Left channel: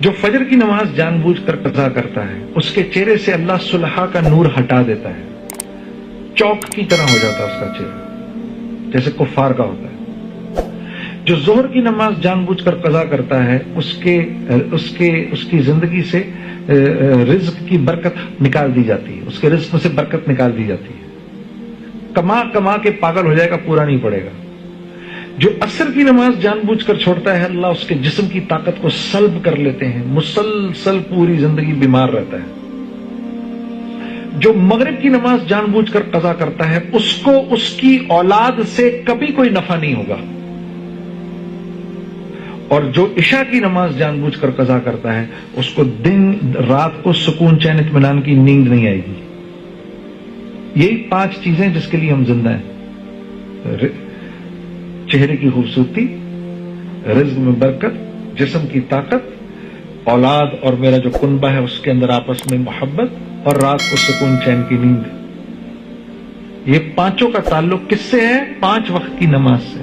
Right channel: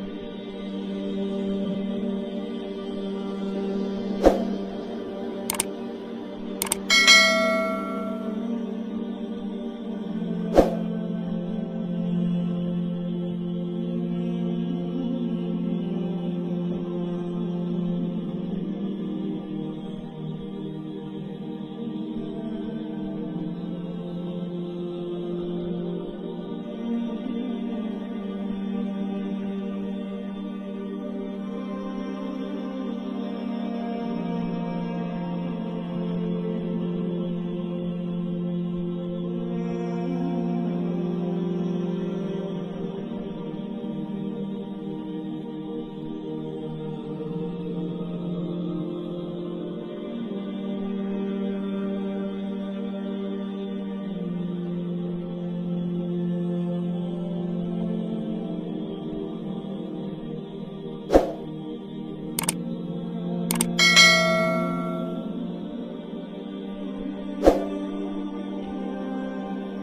جو فجر کی نماز جان بوجھ کر قضا کرتا ہے اس کے چہرے سے اللہ صلحہ کا نور ہٹا دیتا ہے، چوک کی طرح ہو جاتا ہے اس کا چہرہ، جیسے کفار کا ہوتا ہے۔ جو ظہر کی نماز جان بوجھ کر قضا کرتا ہے اس کی زندگی سے رزق کی برکت نکال دی جاتی ہے، اس کے رزق سے برکت نکال دی جاتی ہے، کما کما کے پاگل ہو جائے گا، پورا نہیں پڑے گا۔ جو عصر کی نماز جان بوجھ کر چھوڑتا ہے اللہ اس کے جسم کی طاقت کو سلب کر لیتے ہیں، مسلسل پوری زندگی بیمار رہتا ہے۔ جو مغرب کی نماز جان بوجھ کر قضا کرتا ہے اس کو اس کی اولاد سے کبھی کوئی نفع نہیں ہوگا، اور جو عشاء کی نماز جان بوجھ کر قضا کرتا ہے اس کو دن رات کو سکون چین اطمینان کی نیند نہیں آئے گی۔ یہی 5 چیزیں جس کے لیے ہم زندہ ہیں: چہرے کی خوبصورتی، رزق میں برکت، جسم کی طاقت، اولاد اور میرا جو کنبہ ہے اس کے اندر آپس میں محبت، اور رات کو سکون چین کی نیند۔ یہ 5 کا تعلق کس سے ہے؟ 5 وقت کی نماز سے۔